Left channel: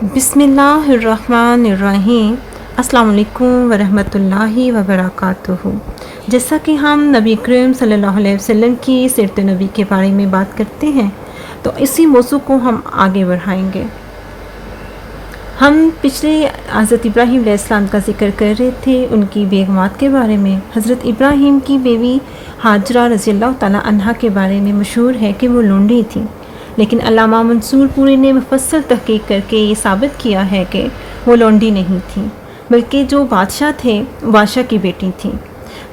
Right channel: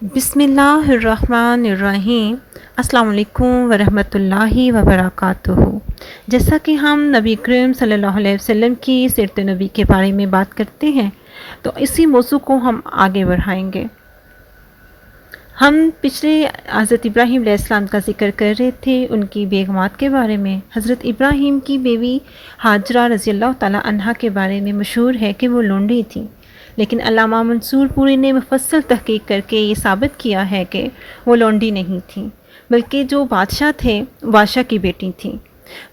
بسم اللہ الرحمن الرحیم۔ السلام علیکم ورحمۃ اللہ وبرکاتہ۔ جیسا کہ ہم نبی کریم صلی اللہ علیہ وسلم کی سیرت نبی کے بارے میں بات کرتے ہیں تو اسی موضوع کو ہم آگے بڑھائیں گے۔ ہم پچھلے حضرت ابراہیم علیہ السلام کا ذکر کر رہے تھے، ان کی بیگمات کے بارے میں۔ حضرت ابراہیم کی بیوی ہاجرہ رضی اللہ تعالیٰ عنہا کے بارے میں مشہور ہے کہ وہ لونڈی تھیں، لیکن علامہ منصور پوری نے مفصل تحقیق کر کے یہ ثابت کیا ہے کہ وہ لونڈی نہیں تھیں، بلکہ جو بادشاہ تھے بادشاہ کی بیٹی تھیں۔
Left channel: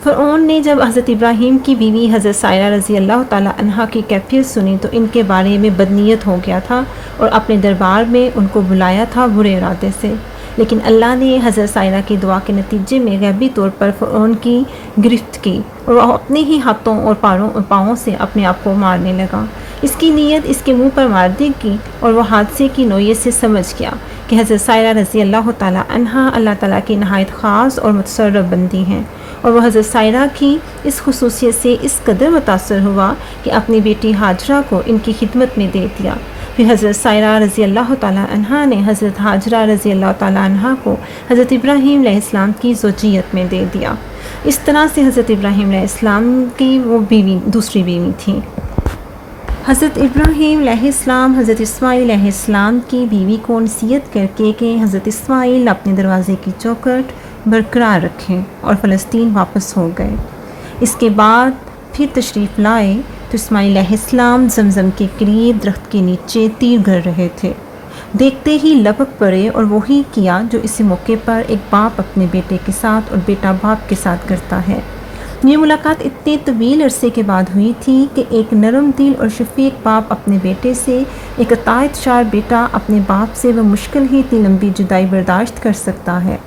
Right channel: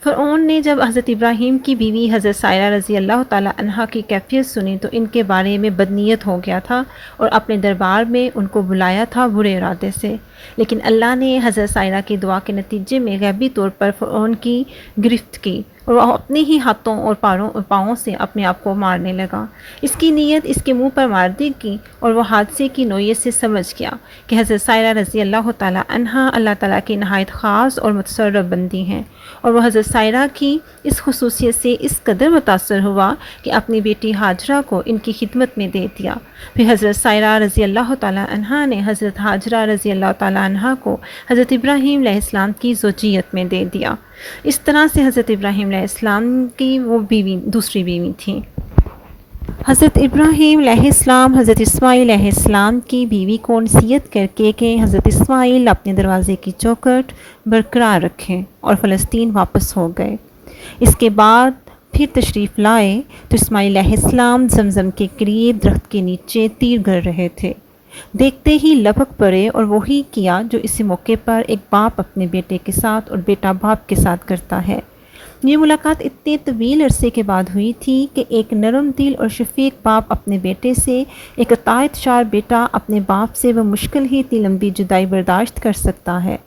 فرعون نے جب حضرت ابراہیم کی بیوی حضرت سائرہ رضی اللہ تعالیٰ عنہا کی کیفیت سنی تو ان کے بارے میں بدنیت ہو گیا تھا اور اپنے دربار میں ان کو بلایا تھا برے ارادے سے، لیکن اللہ نے حضرت سائرہ کی دعا کے نتیجے میں غیبی طور پر فرعون کی گرفت کی اور وہ اپنے ہی ہاتھوں اور پاؤں سے اپنے آپ کو مارنے لگا۔ اس کی نیت اس کے منہ پر مار دی گئی اور وہ حادثے کی نوعیت سے سمجھ گیا کہ حضرت سائرہ رضی اللہ تعالیٰ عنہا اللہ تعالیٰ کی نہایت خاص اور متصرف بندی ہیں، اور وہ حضرت سائرہ کی اس خصوصیت سے اس قدر متاثر ہوا کہ اپنی بیٹی ہاجرہ کو ان کی خدمت میں دے دیا۔ پھر حضرت سائرہ رضی اللہ تعالیٰ عنہا نے حضرت ہاجرہ رضی اللہ تعالیٰ عنہا کو حضرت ابراہیم علیہ السلام کی زوجیت میں دے دیا۔ اس طرح سے حضرت ابراہیم علیہ السلام کی وہ دوسری بیوی تھیں۔ حضرت ابراہیم علیہ السلام حضرت اسماعیل علیہ السلام کی بیوی کو نصیحت کر کے کہ حضرت اسماعیل اپنے دروازے کی چوکھٹ برقرار رکھیں اور فلسطین واپس ہو گئے۔ اس کے بعد پھر تشریف لائے تو اسماعیل علیہ السلام زمزم کے قریب درخت کے نیچے تیر گھڑ رہے تھے۔ دیکھتے ہی لپک پڑے اور وہی کیا جو اسی موقع پر ایک باپ اپنے بیٹے کے ساتھ اور بیٹا باپ کے ساتھ کرتا ہے۔ یہ ملاقات اتنے طویل عرصے کے بعد ہوئی تھی کہ ایک نرم دل اور شفیق باپ اپنے بیٹے سے، ایک اطاعت شار بیٹا اپنے باپ سے وہ مشکل ہی اتنی لمبی جدائی برداشت کر سکتا ہے۔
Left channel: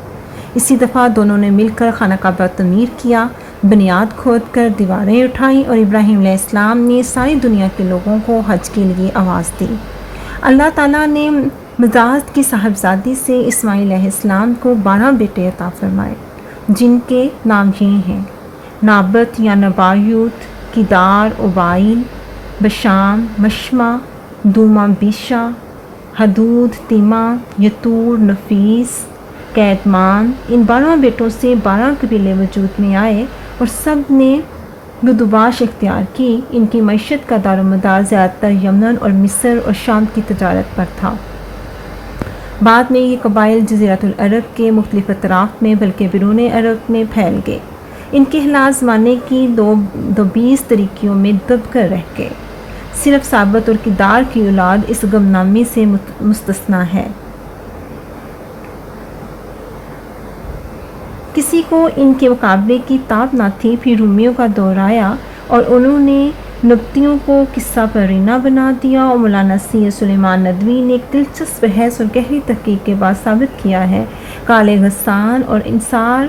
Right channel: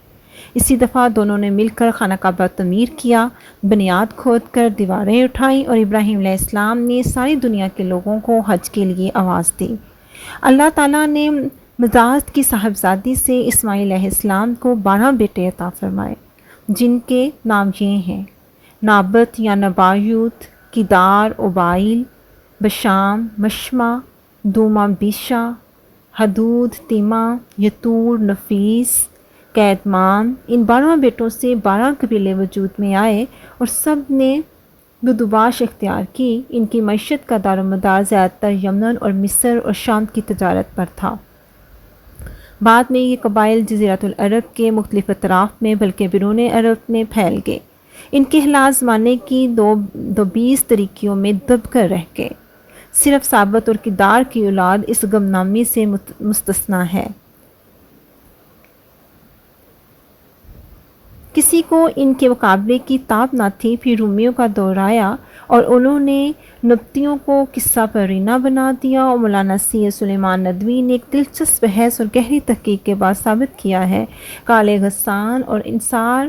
اسی دفعہ دونوں نے مل کر خانہ کعبہ تعمیر کیا، بنیاد کھود کر دیواریں اٹھائیں اور ابراہیم علیہ السلام نے ساری دنیا کے لوگوں کو حج کے لیے آواز دی۔ اللہ تعالیٰ نے مداد کی صاحبزادی سے اسماعیل علیہ السلام کو 12 بیٹے عطا فرمائے، جن کے نام یہ ہیں: نابت یا نبایوت، کدار، اوبائل، بشام، مشمع، دوما بیشا، حدود، تیما، یتور، نفیس، کیدمان۔ ان 12 بیٹوں سے 12 قبیلے وجود میں آئے اور سب نے بدوباش اختیار کی۔ ان کی معیشت کا دار و مدار زیادہ تر یمن اور مصر اور شام کی تجارت پر تھا۔ بعد میں یہ قبائل جزیرۃ العرب کے مختلف اطراف میں بلکہ بیرون عرب میں پھیل گئے۔ ان کے خلاص زمانے کی دو 20 طریقوں میں دب کر رہ گئے۔ صرف ثابت اور کدار کی اولاد اس غمنامی سے مستثنیٰ ہے۔ کسی کو ان کے مقابلے کی طاقت نہ تھی۔ پھر رومیوں کا دور آیا اور انہوں نے نبطیوں کو قصہ پرینہ بنا دیا، اور مولانا سید سلیمان ندوی نے ایک دلچسپ بحث اور گہری تحقیق کے بعد ثابت کیا ہے کالے غسان اور انصار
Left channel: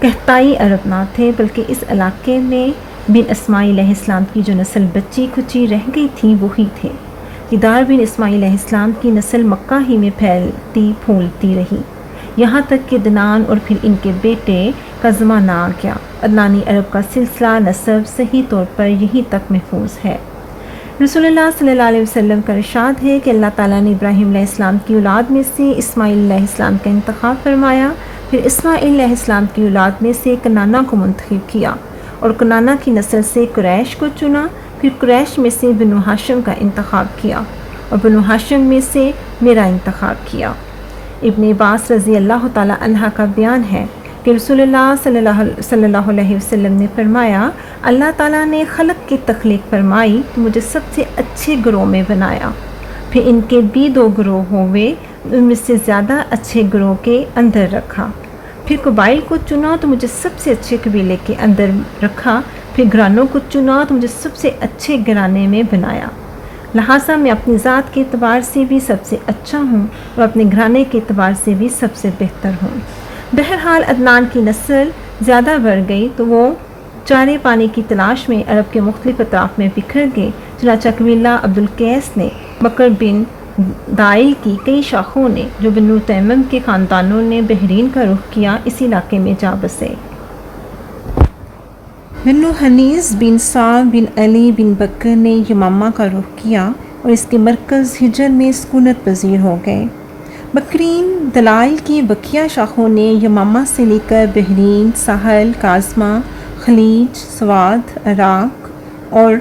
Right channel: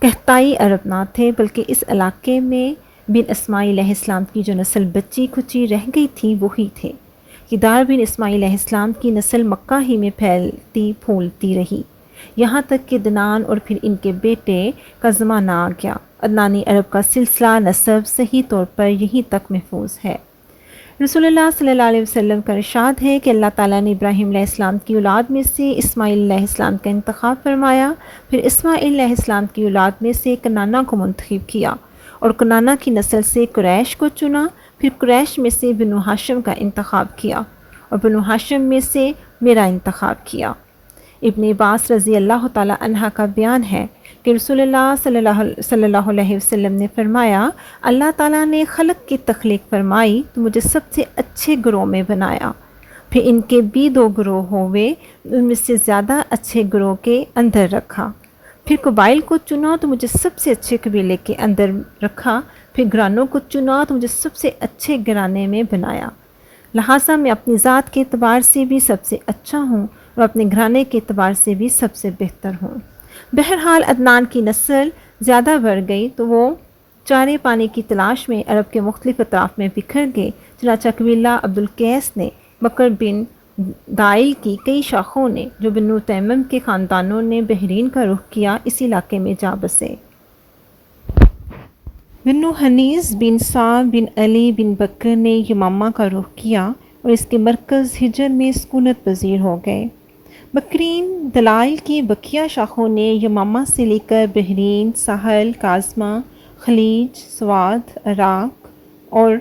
قحطائی عرب نہ تھے، بلکہ اس علاقے میں بن اسماعیل علیہ السلام کی جو نسل بچی کھچی رہ گئی تھی وہی تھے۔ کدار بن اسماعیل علیہ السلام کی نسل مکہ ہی میں پھیلتی پھولتی رہی، یہاں تک کہ عدنان اور پھر ان کے بیٹے کا زمانہ آ گیا۔ عدنانی عرب کا سلسلہ نسب صحیح طور پر یہیں تک محفوظ ہے۔ رسول اللہ صلی اللہ علیہ وسلم کا ارشاد ہے کہ اللہ تعالیٰ نے ابراہیم علیہ السلام کی اولاد میں سے اسماعیل علیہ السلام کا انتخاب فرمایا، پھر اسماعیل علیہ السلام کی اولاد میں سے کنانہ کو منتخب کیا اور کنانہ کی نسل سے قریش کو چنا، پھر قریش میں سے بنو ہاشم کا انتخاب کیا اور بنو ہاشم میں سے میرا انتخاب کیا۔ ابن عباس رضی اللہ تعالیٰ عنہ کا بیان ہے کہ رسول اللہ صلی اللہ علیہ وسلم نے فرمایا، اللہ تعالیٰ نے خلق کی تخلیق فرمائی تو مجھے سب سے اچھے گروہ میں بنایا، پھر ان کے بھی 2 گروہ ہوئے، ان میں سے زیادہ اچھے گروہ کے اندر رکھا، پھر قبائل کو چنا تو مجھے سب سے اچھے قبیلے کے اندر رکھا، پھر گھرانوں کو چنا تو مجھے سب سے اچھے گھرانے میں بنایا، لہٰذا میں اپنی ذات کے اعتبار سے بھی سب سے اچھا ہوں اور اپنے گھرانے کے اعتبار سے بھی سب سے بہتر ہوں۔ بہرحال عدنان کی نسل زیادہ بڑھ گئی تو وہ چارے پانی کی تلاش میں عرب کے مختلف اطراف میں بکھر گئے، چنانچہ قبیلہ عبدالقیس نے بکر بن دائل کی کئی شاخوں نے، جو بنو تیمم کے خاندانوں نے بحرین کا رخ کیا، اس علاقے میں جا بسے۔ بنو حنیز بن سعد بن علی بن بکر نے یمامہ کا رخ کیا، اور اس کے مرکز ہجر میں سکونت پذیر ہو گئے۔ بکرین دلائل کی بقیہ شاخوں نے یمامہ سے لے کر بحرین، ساحل، کاظمہ، خلیج، سوات، عراق اور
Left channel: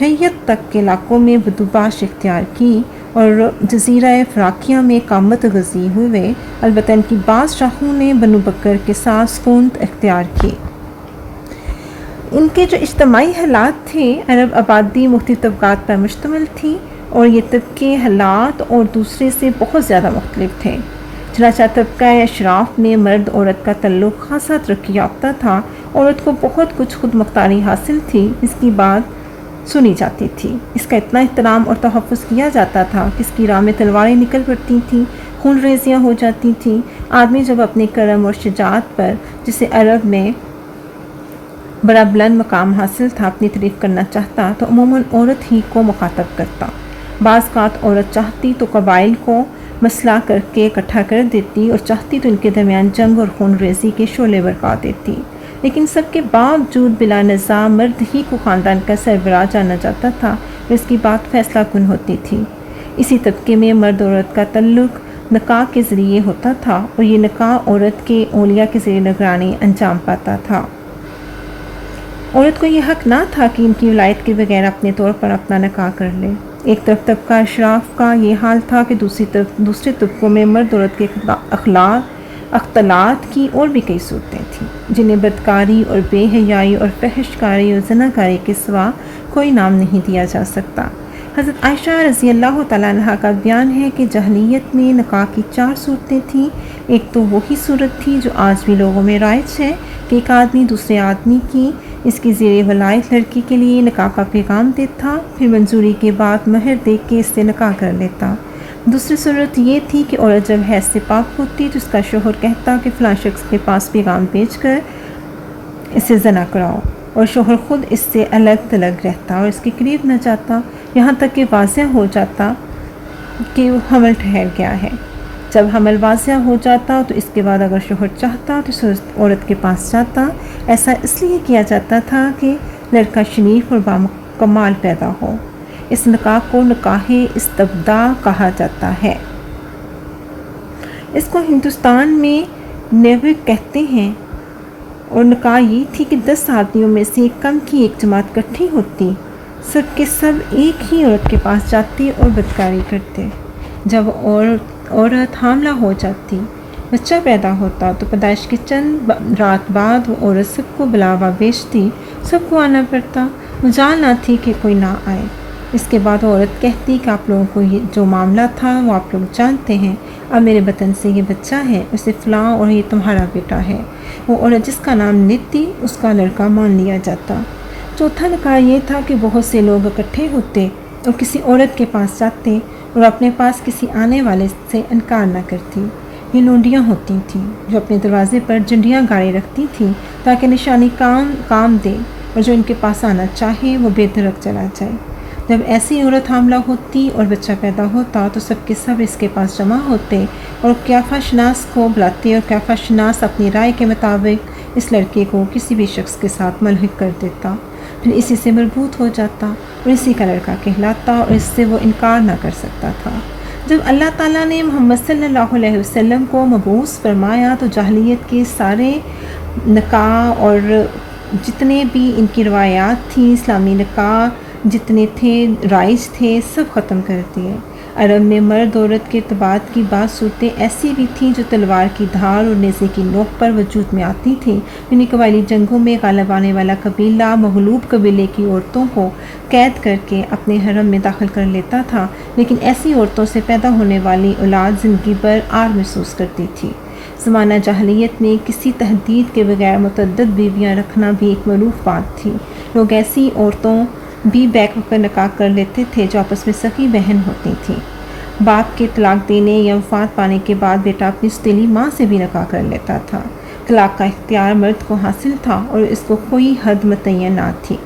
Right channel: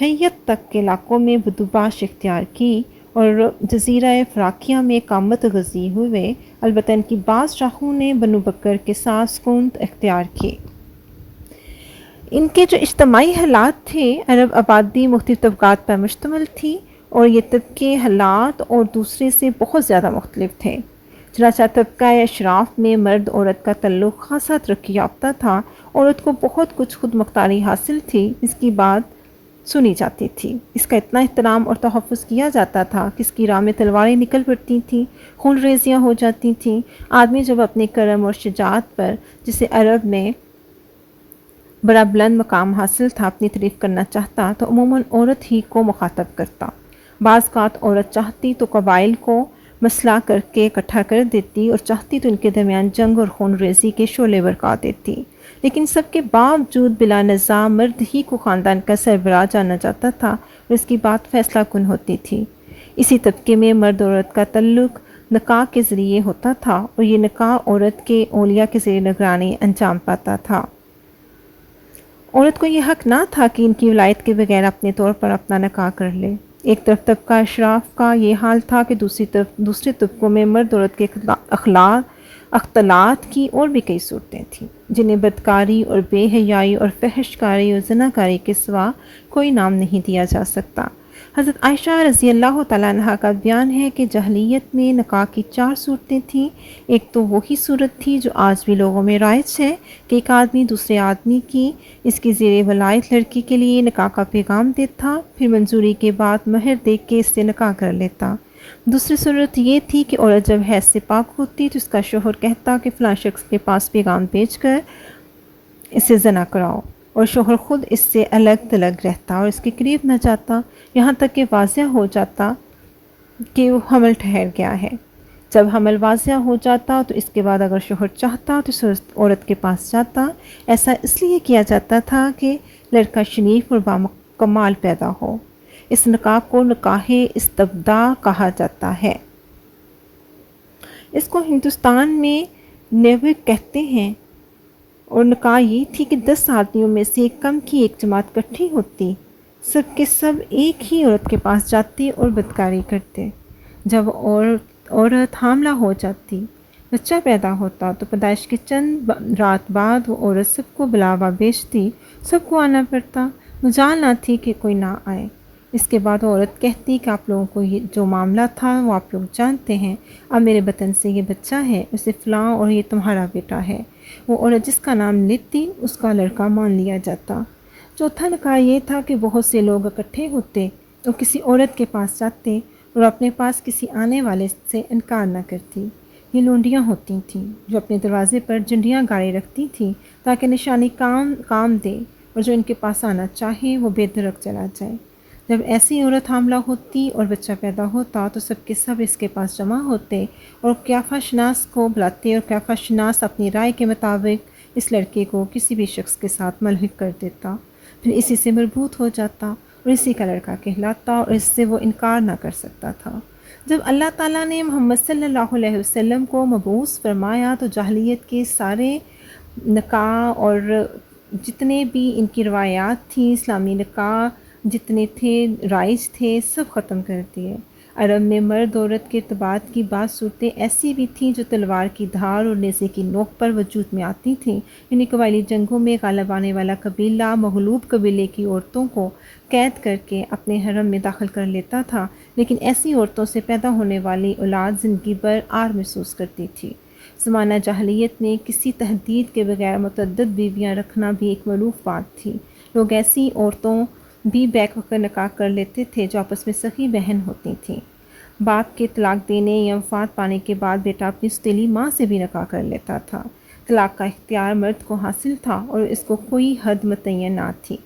حیت تک کے علاقوں میں بدوباش اختیار کی اور جزیرہ فراکیہ میں اقامت غزی ہوئے، البتہ ان کی بعض شاخوں نے بنو بکر کے ساتھ سکونت اختیار کی۔ ان کے جو اجتماعی حالات تھے عرب آبادی مختلف طبقات پر مشتمل تھی اور یہ طبقے حالات اور دوسرے سے بہت زیادہ مختلف تھے۔ چنانچہ طبقہ اشراف میں مرد عورت کا تعلق خاصا ترقی یافتہ تھا، عورت کو بہت کچھ خود مختاری حاصل تھی، اس کی بات سنی جاتی تھی، اس کا اتنا احترام اور تحفظ کیا جاتا تھا کہ اس کی راہ میں تلواریں نکل پڑتی تھیں، خون ریزیاں ہو جاتی تھیں۔ آدمی جب اپنے کرم اور شجاعت پر، جسے عرب میں بڑا بلند مقام حاصل تھا، اپنی تعریف کرنا چاہتا تو عموماً عورت ہی کو مخاطب کرتا۔ بعض اوقات عورت چاہتی تو قبائل کو مسلح کر کے اکٹھا کر دیتی اور چاہتی تو ان کے درمیان جنگ اور خون ریزی کے شعلے برپا دیتی، لیکن سب کے باوجود بلا نزاع مرد ہی کو خاندان کا سربراہ جانا جاتا تھا اور اس کی بات فیصلہ کن ہوتی تھی۔ اسی طبقے میں مرد عورت کا تعلق نکاح کے ذریعے ہوتا تھا اور یہ نکاح عورت کے اولیاء کے ذریعے نگرانی انجام پاتا تھا۔ عورت کو یہ حق نہ تھا کہ ان کی ولایت کے بغیر اپنے طور پر اپنا نکاح کر لے۔ ایک طرف طبقہ اشراف کا یہ حال تھا کہ دوسرے طبقوں میں مرد عورت کے اختلاط کی اور بھی کئی صورتیں تھیں، جنہیں بدکاری اور بے حیائی اور فحش کاری اور زناکاری کے سوا کوئی نام نہیں دیا جا سکتا۔ حضرت عائشہ رضی اللہ تعالیٰ عنہ کا بیان ہے کہ جاہلیت میں نکاح کی 4 صورتیں تھیں۔ ایک تو وہی صورت تھی جو آج بھی لوگوں میں رائج ہے کہ ایک آدمی دوسرے آدمی کی اس کی زیر ولایت لڑکی کے لیے نکاح کا پیغام دیتا، پھر منظوری کے بعد مہر دے کے اس سے نکاح کر لیتا۔ دوسری صورت یہ تھی کہ عورت جب حیض سے پاک ہوتی تو اس کا شوہر کہتا کہ فلاں شخص کے پاس پیغام بھیج کر اسے زنا کراؤ، اور شوہر خود اس سے الگ تلگ رہتا اور اس کے قریب نہ جاتا، یہاں تک کہ واضح ہو جاتا کہ وہ حمل ٹھہر گیا ہے۔ جب حمل واضح ہو جاتا تو اس کے بعد اگر شوہر چاہتا تو عورت کے پاس جاتا۔ ایسا اس لیے کیا جاتا تھا کہ لڑکا شریف اور باکمال پیدا ہو۔ اس نکاح کو نکاح استبداء کہا جاتا ہے۔ اس کو ہندوستان میں نیوک کہتے ہیں، اور نکاح یہ تھی کہ 10 آدمیوں میں سے کم کی ایک جماعت اکٹھی ہوتی، سب کے سب ایک ہی عورت کے پاس جاتے اور بدکاری کرتے۔ جب عورت حاملہ ہو جاتی، بچہ پیدا ہوتا تو پیدائش کے چند رات بعد وہ عورت سب کو بلاوا بیچتی، سب کو آنا پڑتا، مجال نہ تھی کہ کوئی نہ آئے۔ اس کے بعد عورت کہتی کہ آپ لوگوں کو یہ جو معاملہ تھا وہ آپ لوگ جانتے ہیں، اب میرے بطن سے یہ بچہ ہے، اسے فلاں اور یہ تمہارا بیٹا ہے۔ وہ عورت جس کا نام لیتی اس کا لڑکا مان لیا جاتا۔ چوتھا نکاح یہ تھا کہ بہت سے لوگ اکٹھے ہوتے اور کسی عورت کے پاس جاتے اور اپنے پاس کسی آنے والے سے انکار نہ کرتی۔ یہ لونڈیاں ہوتی تھیں جو اپنے دروازے پر جھنڈیاں گاڑے رکھتی تھیں تاکہ نشانی کام دے اور جو ان کے پاس آنا چاہے وہ بے درک چلا جائے۔ جب ایسی عورت حاملہ ہوتی اور بچہ پیدا ہوتا تو سب کے سب اس کے پاس جمع ہوتے اور قیافہ شناس کو بلاتے اور قیافہ شناس اپنی رائے کے مطابق اس لڑکے کو کسی بھی شخص کے ساتھ ملحق کر دیتا، پھر اسی سے مربوط ہو جاتا اور اسی کا لڑکا کہلاتا اور اس سے وہ انکار نہ کر سکتا تھا۔ جب اللہ تعالیٰ نے محمد صلی اللہ علیہ وسلم کو مبعوث فرمایا تو جاہلیت کے سارے نکاح اور جتنے بھی ان کی روایات تھیں، اسلامی نکاح جتنے تھے رائج تھے، سب ختم کر دیے۔ عرب میں مرد عورت کے ارتباط کی بعض صورتیں ایسی بھی تھیں جو تلوار کی دھار اور نیزے کی نوک پر وجود میں آتی تھیں، یعنی قبائلی جنگوں میں غالب آنے والا قبیلہ مغلوب قبیلے کی عورتوں کو قید کر کے اپنے حرم میں داخل کر لیتا تھا، لیکن ایسی عورتوں سے پیدا ہونے والی اولاد زندگی بھر عار محسوس کرتی تھی۔ زمانہ جاہلیت میں کسی تحدید کے بغیر متعدد بیویاں رکھنا بھی ایک معروف بات تھی۔ لوگ ایسی عورتوں بھی بیک وقت نکاح کر لیتے تھے جو آپس میں سکی بہن ہوتی تھیں۔ باپ کے طلاق دینے یا وفات پانے کے بعد بیٹا اپنی سوتیلی ماں سے بھی نکاح کر لیتا تھا۔ طلاق کا اختیار مرد کو حاصل تھا اور اس کو کوئی حد متعین نہ تھی۔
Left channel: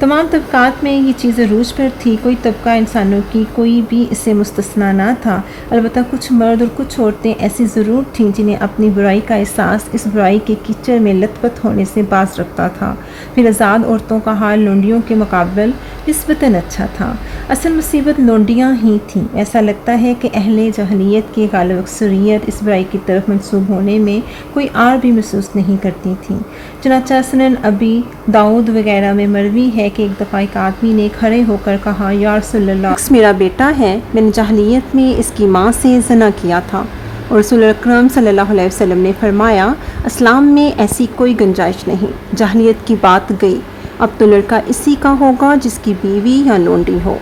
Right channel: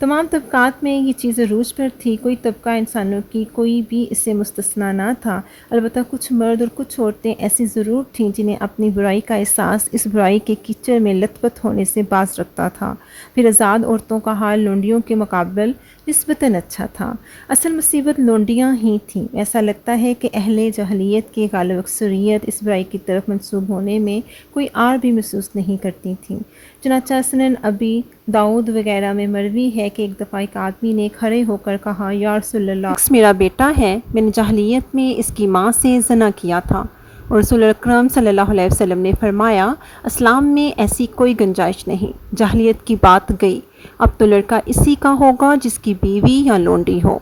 تمام طبقات میں یہ چیز عروج پر تھی، کوئی طبقہ انسانوں کی کوئی بھی اس سے مستثنیٰ نہ تھا، البتہ کچھ مرد اور کچھ عورتیں ایسی ضرور تھیں جنہیں اپنی برائی کا احساس اس برائی کے کیچڑ میں لت پت ہونے سے باز رکھتا تھا۔ پھر آزاد عورتوں کا حال لونڈیوں کے مقابل نسبتاً اچھا تھا۔ اصل مصیبت لونڈیاں ہی تھیں۔ ایسا لگتا ہے کہ اہل جاہلیت کی غالب اکثریت اس برائی کی طرف منسوب ہونے میں کوئی آر بھی محسوس نہیں کرتی تھیں۔ چنانچہ سنن ابی داؤد وغیرہ میں مروی ہے کہ ایک دفعہ ایک آدمی نے کھڑے ہو کر کہا، یا رسول اللہ، شخص میرا بیٹا ہے، میں نے جاہلیت میں اس کی ماں سے زنا کیا تھا۔ اور رسول اکرم صلی اللہ علیہ وسلم نے فرمایا، اسلام میں ایسی کوئی گنجائش نہیں، جاہلیت کی بات گئی، اب تو لڑکا اسی کا ہوگا جس کی بیوی یا لونڈی ہو،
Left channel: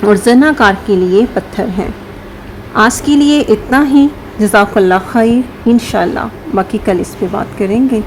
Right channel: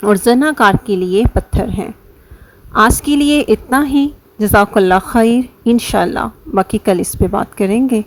اور زنا کار کے لیے پتھر ہیں۔ آج کے لیے اتنا ہی، جزاک اللہ خیر، انشاءاللہ باقی کل اس پہ بات کریں گے۔